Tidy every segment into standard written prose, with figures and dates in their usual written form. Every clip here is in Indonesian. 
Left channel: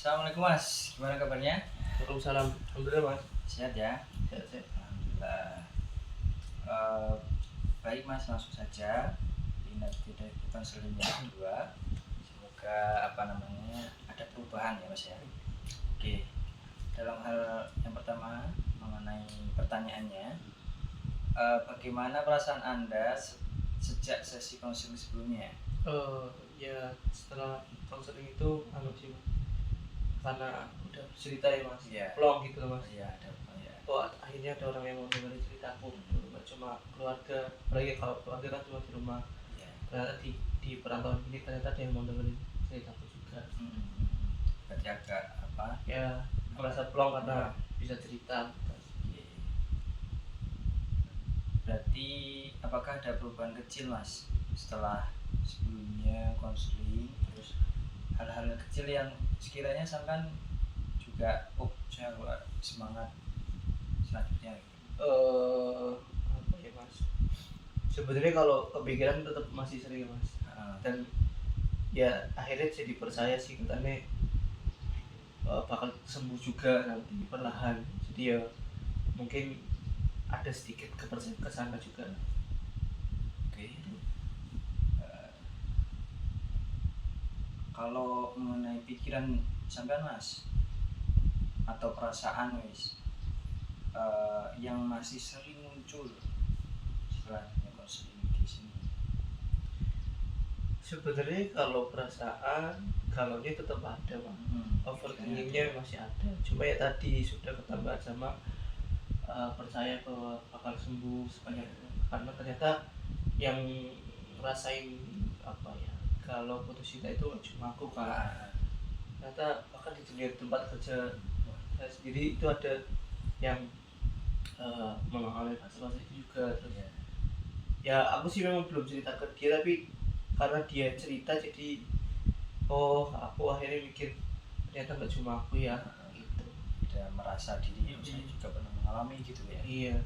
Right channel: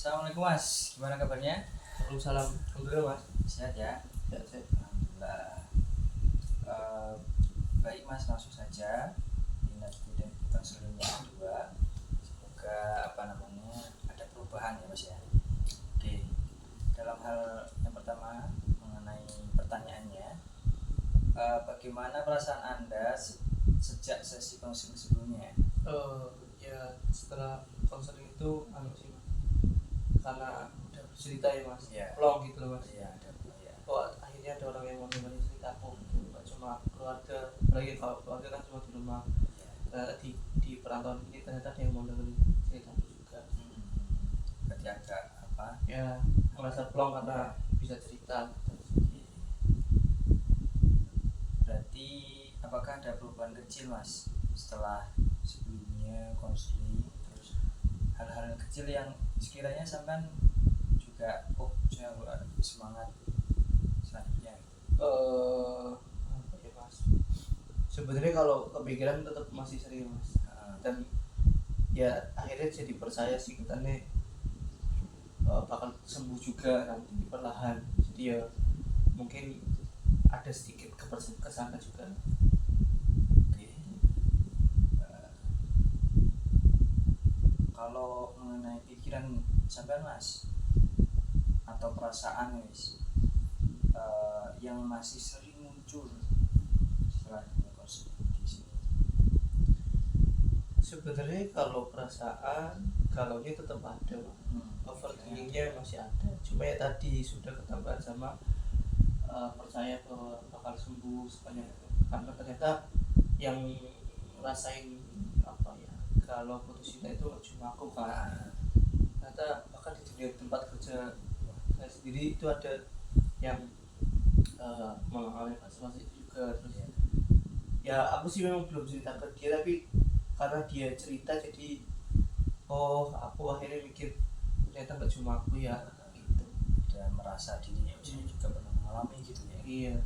Assalamualaikum Mas, gimana kabarnya? Waalaikumsalam. Alhamdulillah Mas. Sehat ya? Sehat. Alhamdulillah. Eh, Baik Mas, langsung saja. Ingat tidak bukan seling yang kedua. Semoga ada perubahan ya Mas ya. Oke, dalam hal yang pertama mengenai pertanyaannya, bagaimana perasaan Anda sejak sesi konseling sebelumnya? Ya setelah konseling itu sih Mas, karena udah bercerita ya Mas, Iya. plong gitu loh Mas. Iya, ada ya. Oh, akhirnya ada orang yang mau dengerin ceritaku, nggak cuma keluarga, apalagi kalau keluarga kan cuma di rumah. Iya. Ternyata di perantauan ini ternyata ada yang mau dengerin ceritaku juga. Berarti agak Ya merasa plong karena bisa cerita. Berarti apakah ada perubahan kecil Mas setelah sebelumnya konseling, terus hal-hal kecil yang sekiranya sampai juga saya harus semangat selanjutnya Apa ya Mas, sebenarnya kalau kepikiran tetap masih sering Mas, dan ya akhirnya jadi percaya sih katanya bakal sembuh juga nanti perlahan. Jadi ya mungkin ada sedikit kepercayaan kesana juga. Oke. Kalau mengenai pikiran sampean Mas atau perasaan yang masih sering muncul setelah konseling di sini, sebenarnya kalau perasaan kalau ini tetap ada Mas. Overthinkingnya masih ada, cuma ya tadi sudah ketambahan sama percaya bahwa bakal sembuh sebanyak itu, karena ternyata yang ngerasain apa ya, kalau putus cinta itu cuma aku kan. Ternyata bahkan di dunia tempat kerja saya sendiri itu ada yang mengalami fase-fase itu juga. Terus ya aku sih memang belum cerita ke dia, tapi karena dia cerita jadi aku akhirnya mikir ternyata nggak cuma aku ya gitu. Ada merasa diri saya juga pernah mengalami gitu ya. Iya,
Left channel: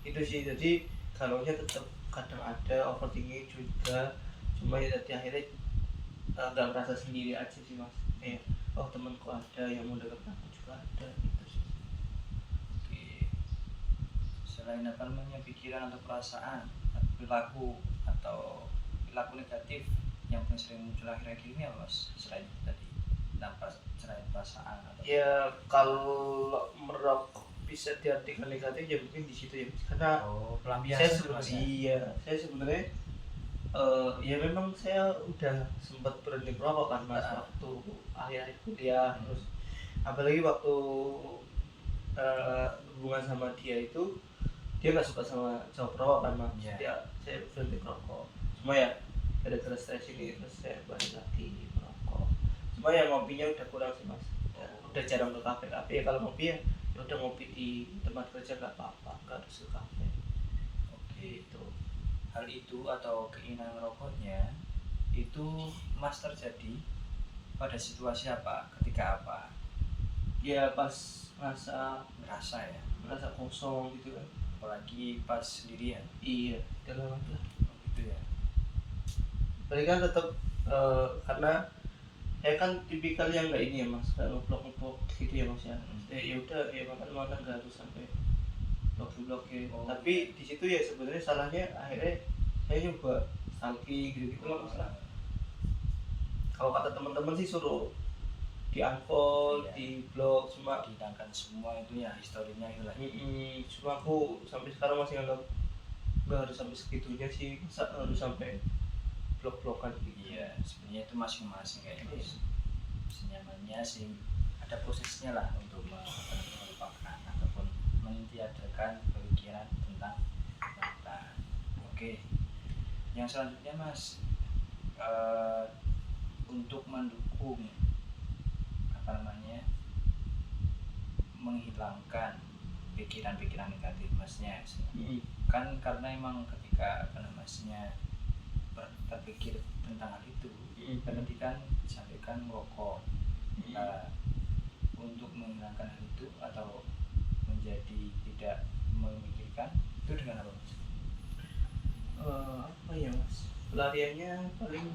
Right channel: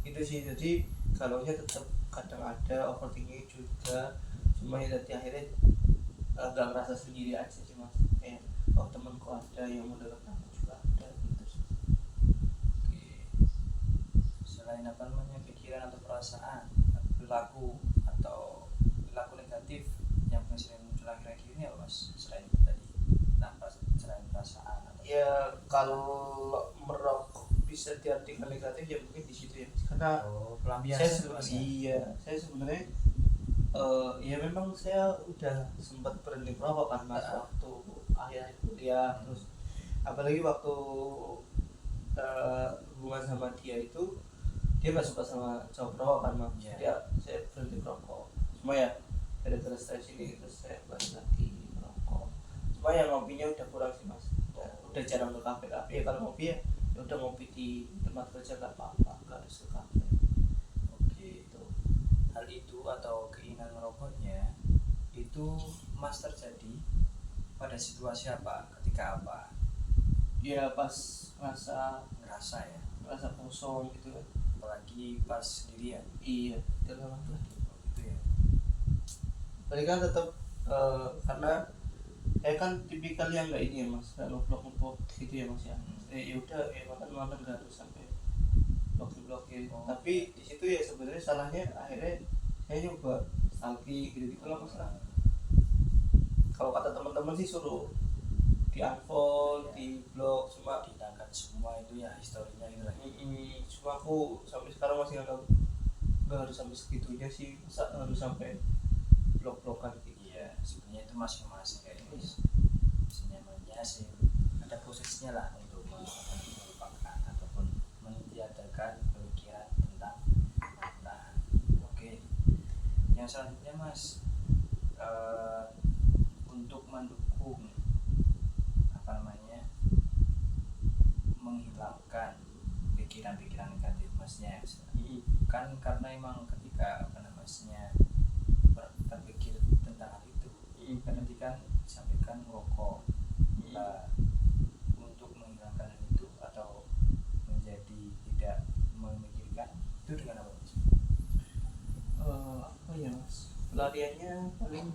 itu sih. Jadi galaunya tetap kadang ada, overthinking juga, cuma ya tadi akhirnya nggak merasa sendiri aja sih Mas. Temanku ada yang mau denger aku juga ada gitu sih. Oke. Selain pikiran atau perasaan, perilaku negatif yang paling sering muncul akhir-akhir ini apa Mas? Selain itu tadi, selain perasaan atau ya kalau merokok bisa diartikan negatif ya mungkin di situ ya, karena saya sebenarnya ya memang saya udah sempat berhenti merokok kan Mas, waktu akhir kuliah. Terus apalagi waktu hubungan sama dia itu dia nggak suka sama cowok perokok kan Mas. Saya berhenti merokok, cuma ya gara-gara stres ini terus saya balik lagi merokok. Cuma ya ngopinya udah kurang sih Mas, udah jarang ke kafe ya. Kalau ngopi ya udah ngopi di tempat kerja nggak apa-apa, nggak harus ke kafe. Oke, itu hal itu atau keinginan merokoknya itu Mas terjadi pada situasi apa, ketika apa? Ya pas ngerasa kosong gitu kan, apalagi pas sendirian. Iya, dalam lah gitu ya. Berarti kan tetap karena saya kan tipikal yang nggak ini ya Mas, nggak ngeblok gitu ya Mas ya. Ya udah ya makan nggak harus sampai blokin. Tapi di situ ya sebenarnya salahnya akhirnya saya nyoba stalking gitu lah Mas lah. Kalau kata teman-teman sih suruh di unfollow, di blog, cuma dihilangkan semua itu ya historinya itu lah. Cuma aku sampai sekarang masih nggak harus sampai segitunya sih, masa harus sampai blok-blokan gitu. Iya, sebenarnya itu masing-masing kayaknya Mas. Senyamannya sih ada prosesnya lah untuk melupakan ataupun meniadakan pemikiran tentang mantan. Oke, yang selanjutnya Mas, untuk mendukung menghilangkan pikiran-pikiran negatif Masnya, kan karena emang ketika Masnya berpikir tentang hal itu, berarti kan disampaikan merokok. Untuk menghilangkan hal itu atau menjadi tidak memikirkan itu dengan apa Mas? Apa ya Mas, pelariannya paling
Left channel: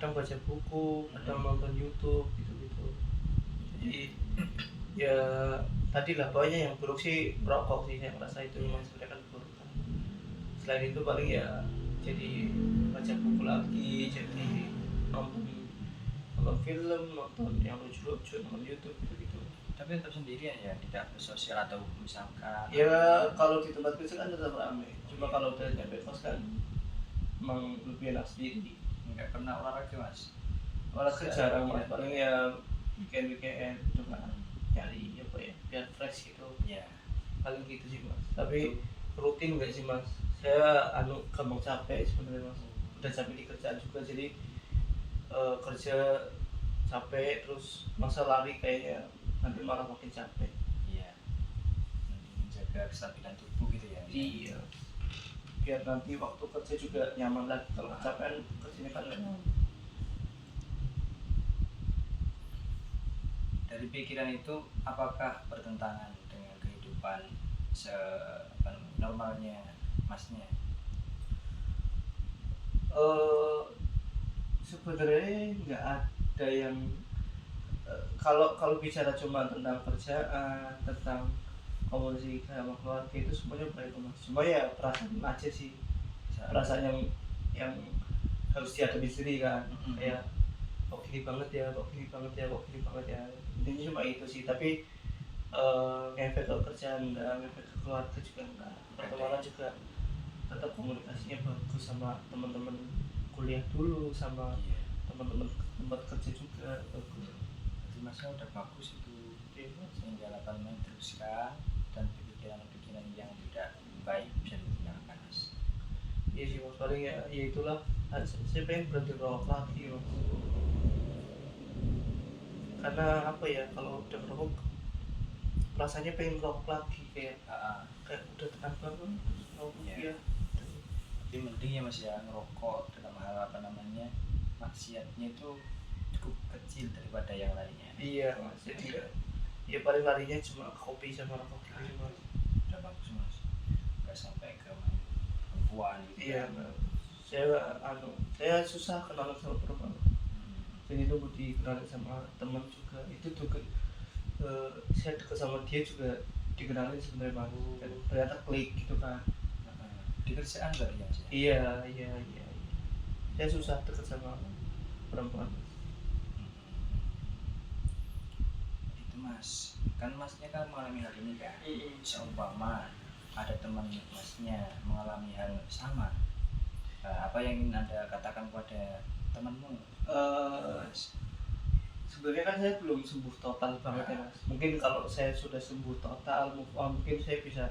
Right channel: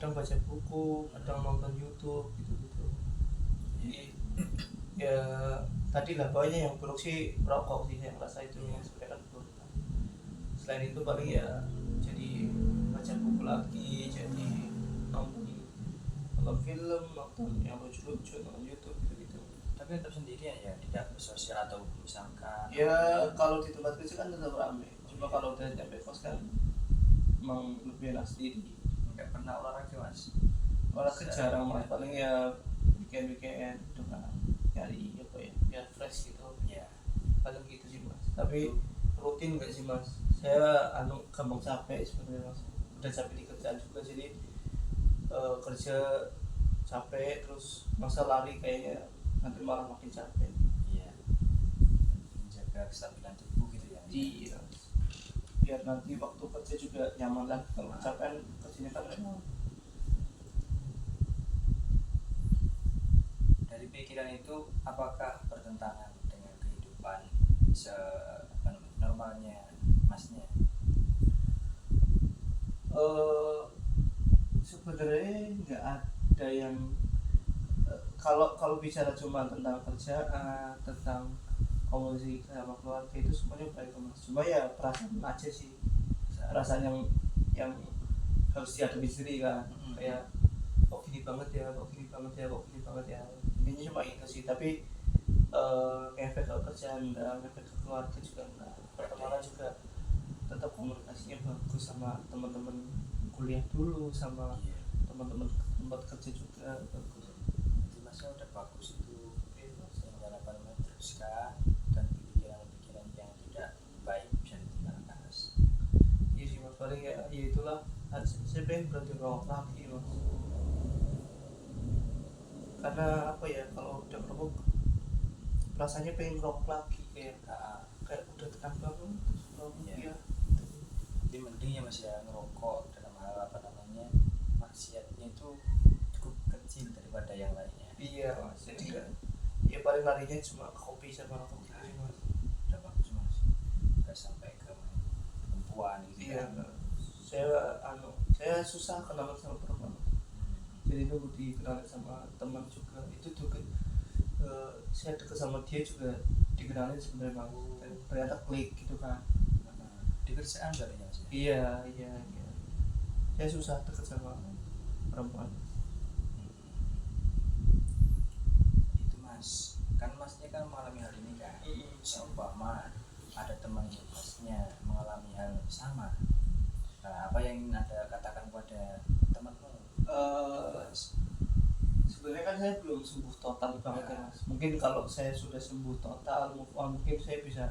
kadang baca buku, kadang nonton YouTube gitu-gitu. Jadi ya tadi lah pokoknya yang buruk sih merokok sih, saya ngerasa itu memang sebenarnya kan buruk kan. Selain itu paling ya jadi baca buku lagi, jadi nonton nonton film, nonton yang lucu-lucu, nonton YouTube gitu-gitu. Tapi tetap sendirian ya, tidak bersosial atau misalkan Ya kalau di tempat kerja kan tetap ramai, cuma kalau udah nyampe kos kan emang lebih enak sendiri. nggak pernah olahraga mas? Olahraga jarang mas, paling ya weekend itu kan nyari apa ya biar fresh gitu, Ya. paling gitu sih mas. Tapi rutin nggak sih mas, saya gampang capek sebenarnya mas, udah capek di kerjaan juga, jadi kerja capek terus masa lari kayaknya nanti malah makin capek. Iya. Menjaga kestabilan tubuh gitu ya. Iya, biar nanti waktu kerja juga nyaman lagi. Kalau kecapean kerjanya kan nggak nyaman. Dari pikiran itu apakah bertentangan dengan kehidupan normalnya masnya? Sebenarnya nggak ada yang kalau bicara cuma tentang kerjaan, tentang komunikasi sama keluarga itu semuanya baik mas. Cuma ya perasaan aja sih, perasaan yang harus dihadapi sendiri kan. Kayak kok gini banget ya, kok gini banget ya, kok gini banget ya. Intinya cuma itu sih. Tapi ngefek ke kerjaan enggak, ngefek ke keluarga juga enggak. Pertemanan juga tetap komunikasinya bagus sama teman-teman kuliah dulu, sama teman-teman tempat kerja juga bagus. Jadi masnya udah bagus itu, sehingga dapat meneruskan dan pikiran-pikiran yang tidak baik bisa ditinggalkan mas. Iya sih mas, paling ya itulah, saya pengen berhenti rokok lagi mas. Karena apa ya, kalau udah merokok rasanya pengen merokok lagi, kayak udah tekan banget terus merokok ya. Jadi mending ya mas ya ngerokok dalam hal apa namanya maksiatnya itu cukup kecil daripada yang lainnya. Iya mas, jadi ya paling larinya cuma kopi sama rokok gitu sih mas. Udah bagus mas, nggak sampai ke main perempuan gitu. Iya mas, saya susah kenalan sama perempuan. Jadi nunggu dikenalin sama teman juga, itu juga saya deket sama dia juga dikenalin sebenarnya mas. Dan ternyata klik gitu kan. Di kerjaan berarti ya mas ya? Iya. Saya susah deket sama perempuan. Itu mas, kan masnya kan mengalami hal ini kan. Seumpama ada teman masnya mengalami hal sama, apa yang ingin anda katakan kepada temanmu? Sebenarnya kan saya belum sembuh total banget ya mas. Mungkin kalau saya sudah sembuh total, move on, mungkin saya bisa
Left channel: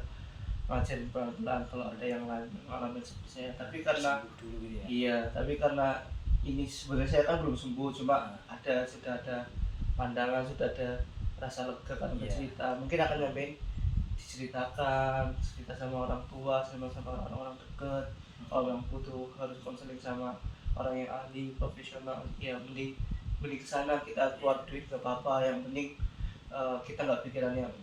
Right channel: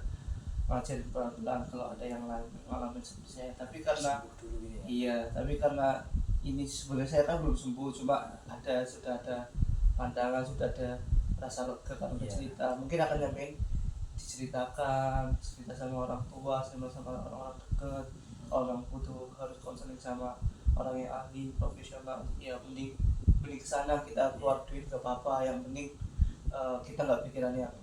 ngajarin pelan-pelan kalau ada yang lain mengalami seperti saya. Tapi karena dulu gitu ya? iya, tapi karena ini sebenarnya saya kan belum sembuh, cuma sudah ada pandangan, sudah ada rasa lega kan bercerita. Mungkin akan nyampein diceritakan, cerita sama orang tua, sama orang-orang dekat. Kalau yang butuh harus konseling sama orang yang ahli profesional, ya mending kesana, kita keluar duit gak apa-apa, yang penting kita nggak pikiran yang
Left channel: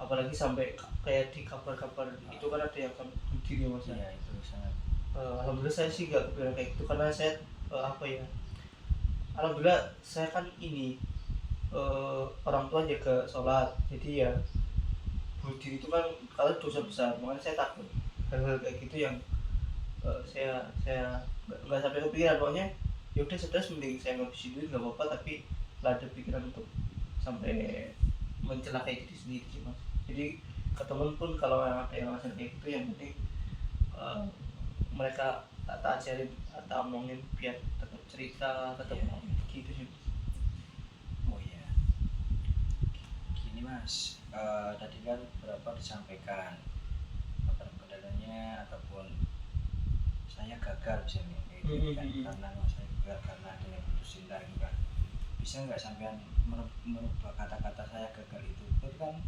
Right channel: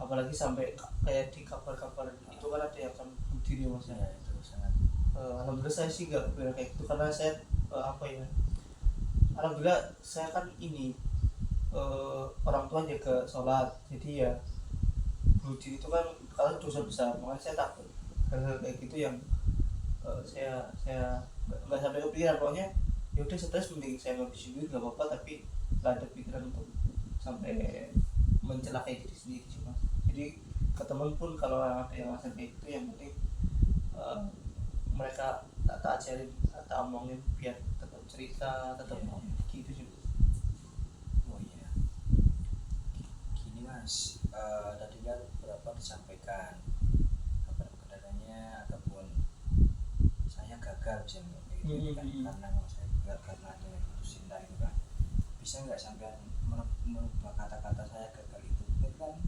apalagi sampai kayak di kabar-kabar itu kan ada yang akan bunuh diri mas ya. Itu sangat Alhamdulillah saya sih nggak kepikiran kayak gitu, karena saya alhamdulillah saya kan ini orang tua jaga sholat, jadi ya bunuh diri itu kan kalau dosa besar, makanya saya takut hal-hal kayak gitu yang saya nggak sampai kepikiran. Pokoknya ya udah stres, mending saya ngabisin duit nggak apa-apa, tapi nggak ada pikiran untuk sampai mencelakai diri sendiri sih mas. Jadi ke temen pun kalau ada yang ngerasain kayak gitu, yang penting mereka tak ajarin atau omongin biar tetap cerita, tetap ngomong gitu sih. oh iya gini mas, tadi kan berapa disampaikan kabar kendalanya ataupun saya gagal misalnya kayak gitu kan, karena saya gagal karena ada yang putus cinta itu kan. Bisa nggak sampean merubah kata-kata saya gagal itu kan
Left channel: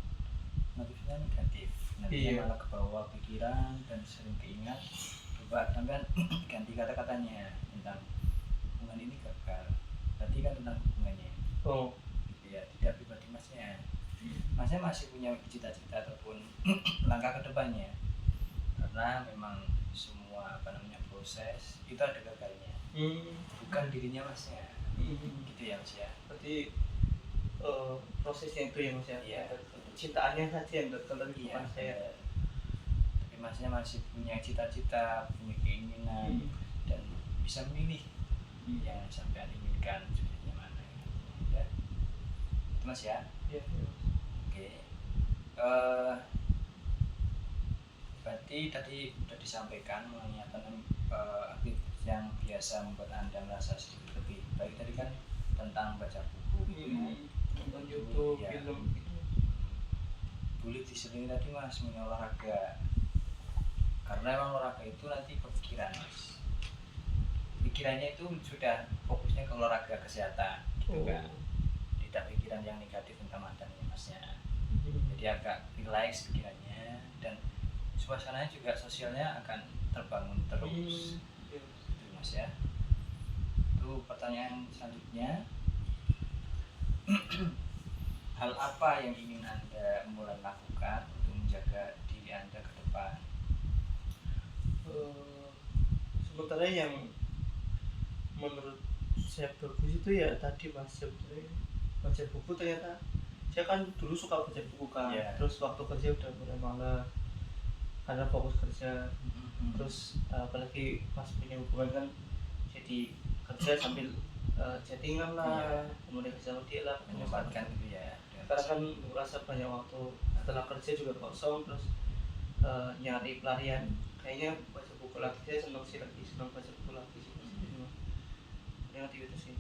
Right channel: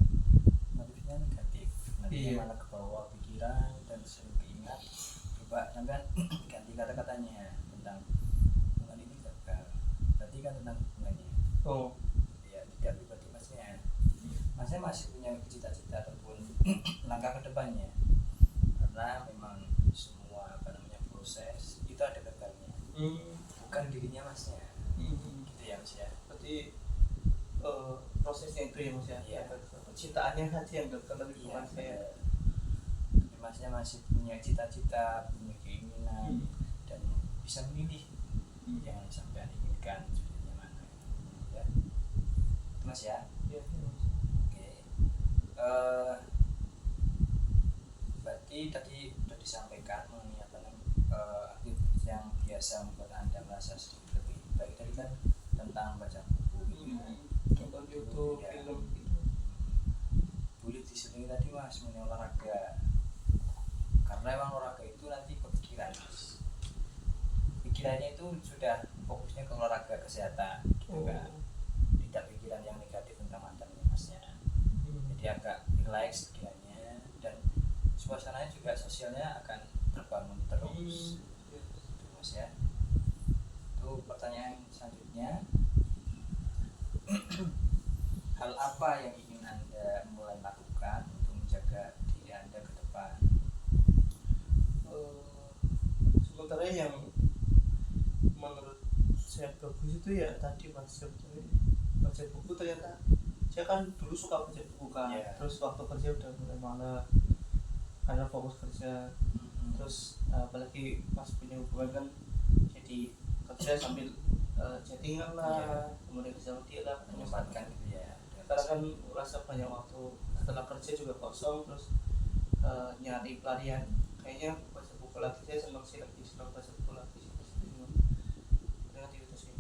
motifnya negatif, nantinya malah ke bawah pikiran dan sering keingat. Coba sampean ganti kata-katanya tentang hubungan ini gagal, berarti kan tentang hubungannya. Ya tidak pribadi masnya masih punya cita-cita ataupun langkah ke depannya, karena memang semua apa namanya proses itu ada gagalnya. bukan dirinya masnya gitu ya mas ya. Berarti prosesnya itu ya mas ya, Iya. cintaannya saja yang dekat Iya bukan saya. bener. Tapi masnya masih punya cita-cita, punya keinginan dan bisa memilih yang sampai inginkan sudahnya mana ya. Itu mas ya. Iya mas. Oke. Berarti tadi sudah disampaikan mengenai apa namanya aktivitas yang biasa membuat anda merasa sedikit lebih baik. Tadi kan tentang baca buku gitu ya. Nonton YouTube, Iya. film gitu. Boleh diselingi tadi mas mengenai olahraga, karena emang olahraga itu nanti pikiran mas, pikirannya itu sudah fokusnya ke olahraga kesehatan gitu kan, tidak pikiran yang negatif tentang mantannya masnya. Jadi agak relax pikirannya dan suasananya juga sosialnya akan terbangun terus gitu mas ya. Itu pertanyaan selanjutnya. Hal apa yang ingin anda mulai lakukan untuk menjaga diri anda ke depan? Sementara yang menurut saya bagus itu ya tadi mas, sebetulnya baca buku. Ternyata saya kan dulu suka baca buku kan, Yeah. terus waktu kerja udah mulai malas karena fokus kerja. Terus apalagi pas punya hubungan kan jadi kerja sambil chattingan lah, komunikasi sama dia lah, Menyempatkan gitu ya. karena kan merasa banyak waktu setelah kerja juga kosong, terus nyari pelarian. Kayaknya baca buku lagi, saya senang baca buku lagi sih. Yang aktivitas ini.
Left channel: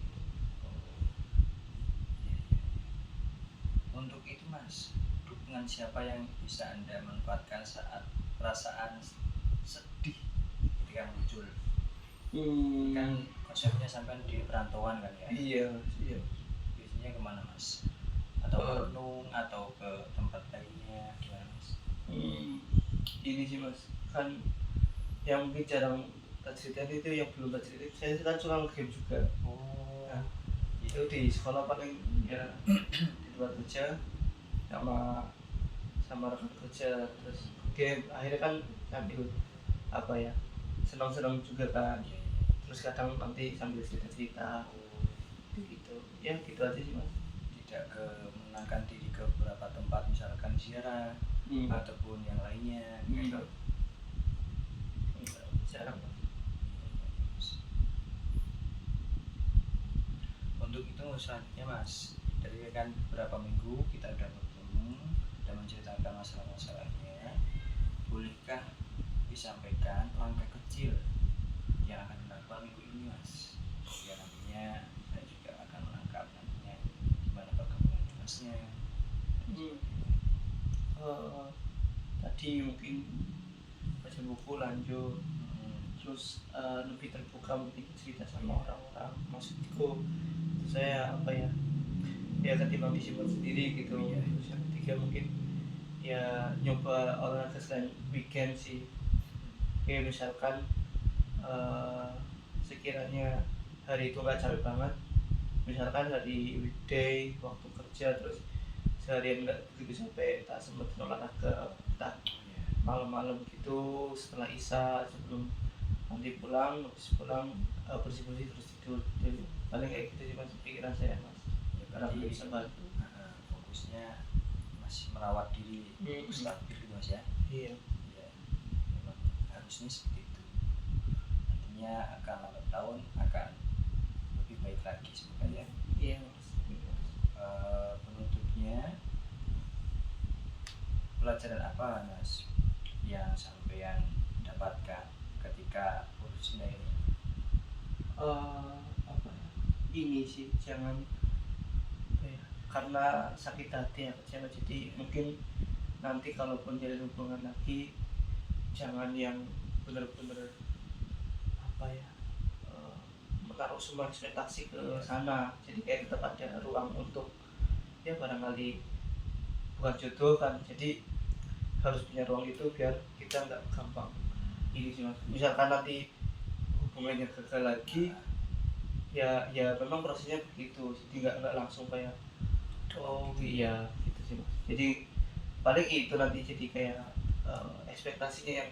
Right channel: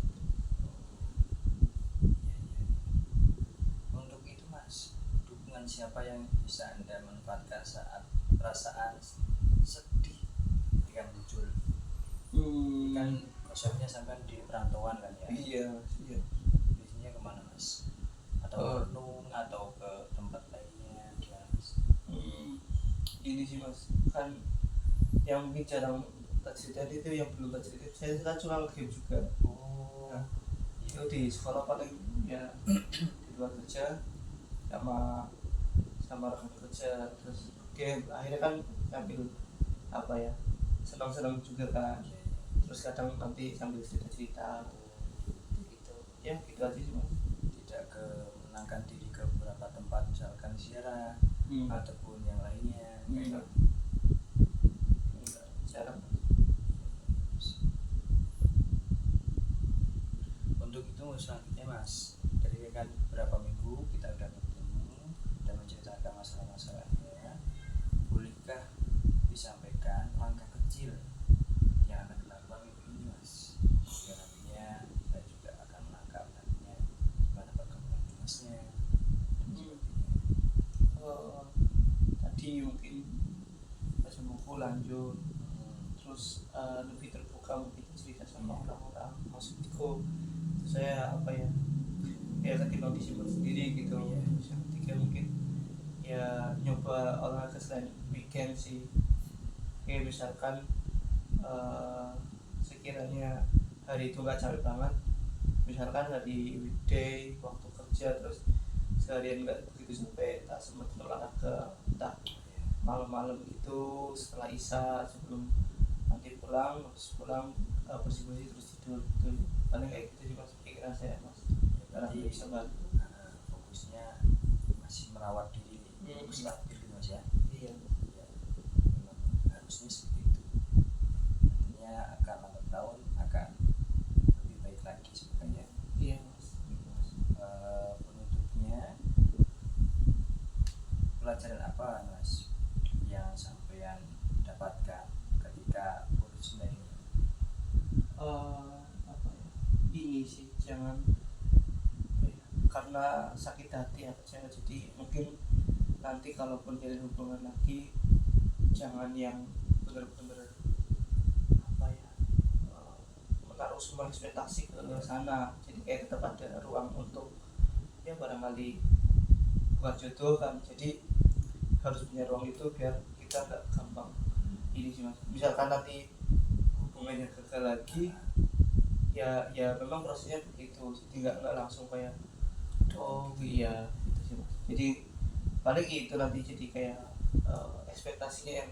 Untuk itu mas, dukungan siapa yang bisa anda manfaatkan saat perasaan sedih ketika muncul? Kan konsepnya sampai di perantauan kan ya. Iya. Biasanya kemana mas? Atau merenung atau ke tempat lainnya gimana mas? Ini sih mas, kan yang mungkin jarang tak ceritain itu, yang belum tak ceritain, saya kan suka game juga. Nah, itu di sekolah paling ya di luar kerja sama rekan kerja, terus game. Akhirnya kan sambil apa ya, senang-senang juga kan. Terus kadang nanti sambil cerita-cerita gitu ya, gitu aja sih mas. Tidak ke menenangkan diri ke beberapa tempat misalkan ziarah ataupun yang lainnya gitu. Jarang. Untuk itu selanjutnya mas, dari kan beberapa minggu kita udah bertemu dan menceritakan masalah-masalahnya, bolehkah disampaikan langkah kecil yang akan dilakukan minggu ini mas? Ya nantinya saya juga akan menangkap nantinya gimana perkembangan masnya. Tadi mungkin baca buku lanjut, terus lebih terbuka mungkin cerita sama orang-orang, maksudku saya apa ya ketimbang disimpan sendiri gitu. Terus yang ketiga mungkin ya nyoba olahraga selain weekend sih. Kayak misalkan sekiranya hari itu nggak capek banget, misalkan hari weekday waktu kerja terus seharian nggak begitu capek, tak sempat olahraga, tak malam-malam gitu setelah isya, sebelum nanti pulang, habis pulang bersih-bersih terus tidur gitu. Paling kayak gitu sih mas, pikiran saya mas, karena belum bisa bantu. Fokusnya masih merawat diri stabil gitu mas ya. Iya. Ya, memang harusnya seperti itu. Nantinya akan lambat tahun akan lebih baik lagi semoga ya. Iya mas. Penutupnya, pelajaran apa mas yang sampean dapatkan ketika urus cinta ini? Apa ya, ini sih jangan apa ya, karena sakit hati ya kecewa, jadi mungkin nanti kalaupun jalin hubungan lagi jangan yang bener-bener apa ya menaruh semua ekspektasi ke sana. Jadi kayak tetap ada ruang untuk ya barangkali bukan jodoh kan, jadi harus punya ruang itu biar kita nggak gampang ini sih mas. Misalkan nanti hubungannya gagal lagi, ya memang prosesnya begitu, jadi nggak langsung kayak oh iya gitu sih mas. Jadi paling itu nanti jadi kayak ekspektasinya yang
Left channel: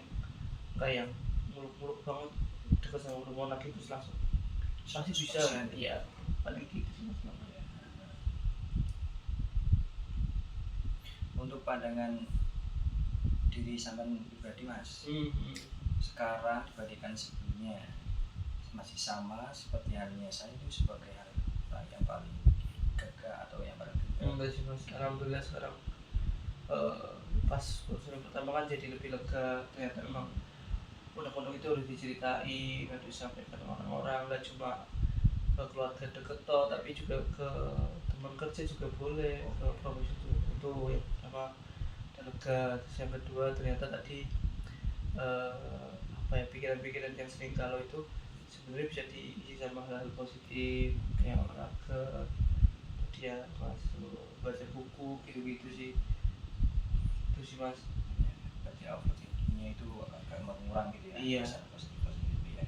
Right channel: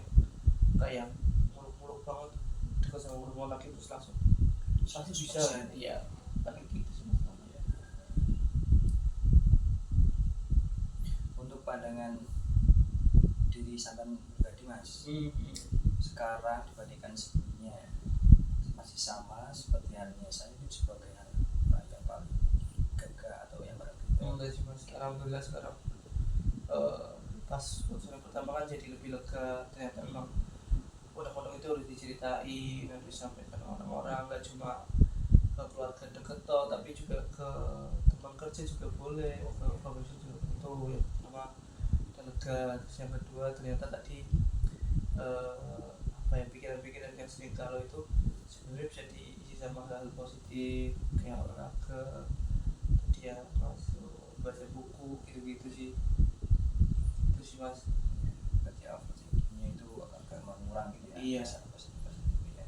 kayak muluk-muluk banget, dekat sama hubungan lagi terus langsung pasti bisa 100%. iya paling gitu sih mas. Ya. Untuk pandangan diri sampean pribadi mas, sekarang dibandingkan sebelumnya masih sama seperti halnya saya itu sebagai hal yang paling gagah atau yang paling Enggak sih mas, alhamdulillah sekarang pas konseling pertama kan jadi lebih lega, ternyata memang undang-undang itu harus diceritain, harus disampaikan ke orang-orang, nggak cuma ke keluarga deket toh, tapi juga ke teman kerja juga boleh, ke profesi juga itu yang pertama udah lega. Terus yang kedua ternyata tadi apa ya, pikiran-pikiran yang sering kalau itu sebenarnya bisa diisi sama hal positif kayak olahraga, dia masuk baca buku gitu-gitu sih, itu sih mas. ya, berarti overthinkingnya itu agak mengurang gitu ya, Iya. secara positif ya.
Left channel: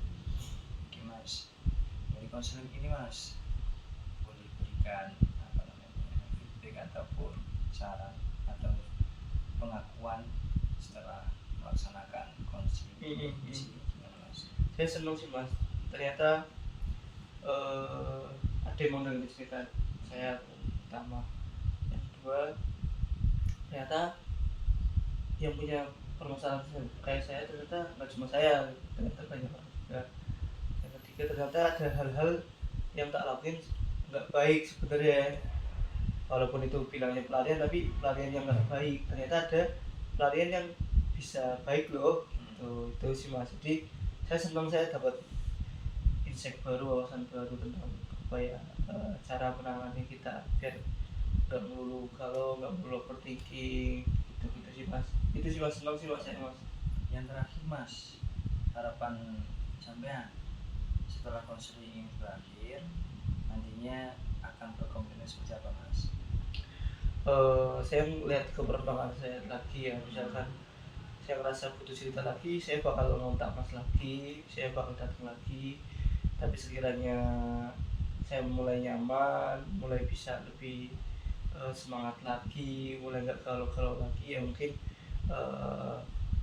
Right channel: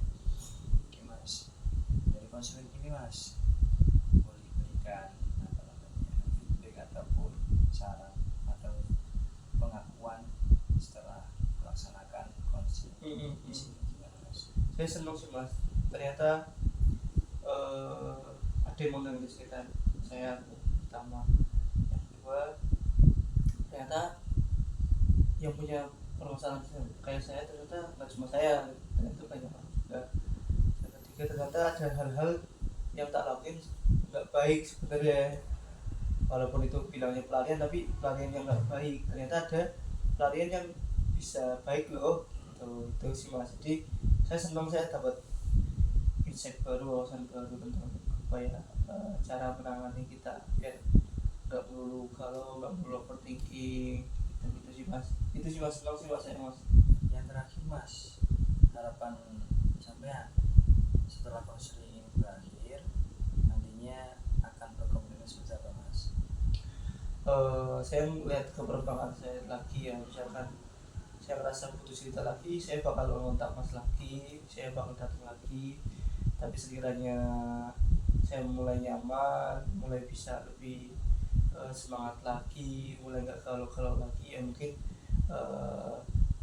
Oke mas, dari konseling ini mas boleh berikan apa namanya feedback ataupun saran atau pengakuan setelah melaksanakan konseling di sini gimana mas? Saya senang sih mas, ternyata ada yang mau dengerin cerita saya pertama. Yang kedua ternyata yang punya permasalahan kayak saya ternyata nggak cuma saya, ternyata banyak orang juga. Yang ketiga ternyata ada hal-hal yang tak lakuin nggak baik sebenarnya, walaupun itu bilangnya pelarian tapi pelarian yang nggak baik, ternyata ada pelarian yang bisa baik loh. Itu sih mas, jadi saya senang saya dapat insight baru, wawasan baru tentang apa ya, cara menangani kita biar nggak melulu kalau nggak melulu overthinking gitu sih mas. Itu sih mas, senang sih mas ya mas. Yang terakhir mas, harapan sampean setelah konseling ini berakhir nantinya akan berkomitmen seperti apa mas? Saya melihat ke perkembangan saya lagi ya, misalkan saya merasa butuh cerita lagi, saya bakal ngontak mas lagi, saya bakal datang lagi. Tapi sekiranya saya mulai nyaman, mulai bisa lebih semangat lagi, mulai nggak galau-galau lagi, ya mungkin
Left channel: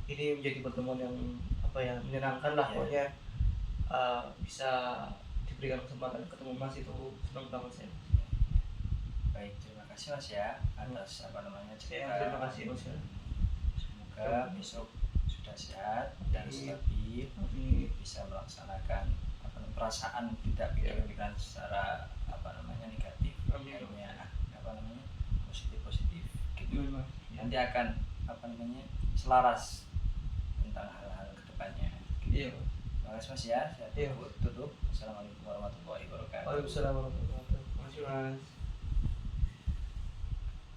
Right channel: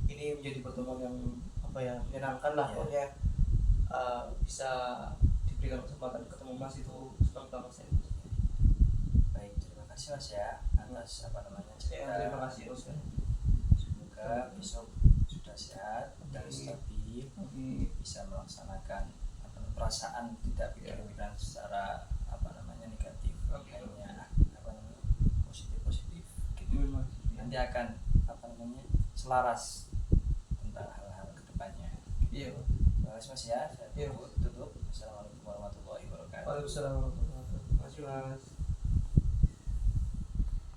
ini menjadi pertemuan yang apa ya, menyenangkan lah. Yeah. Pokoknya bisa diberikan kesempatan ketemu mas, itu senang banget saya. Baik, terima kasih mas ya atas apa namanya cerita. Terima kasih mas ya. Semoga besok sudah sehat dan stabil, bisa melaksanakan apa namanya, perasaan tidak pikiran secara apa namanya negatif, hanya apa namanya positif gitu. Nanti akan apa namanya selaras tentang hal-hal kedepannya. Iya. Terima kasih mas ya. Saya tutup. Assalamualaikum warahmatullahi wabarakatuh. Waalaikumsalam warahmatullahi wabarakatuh. Terima kasih mas.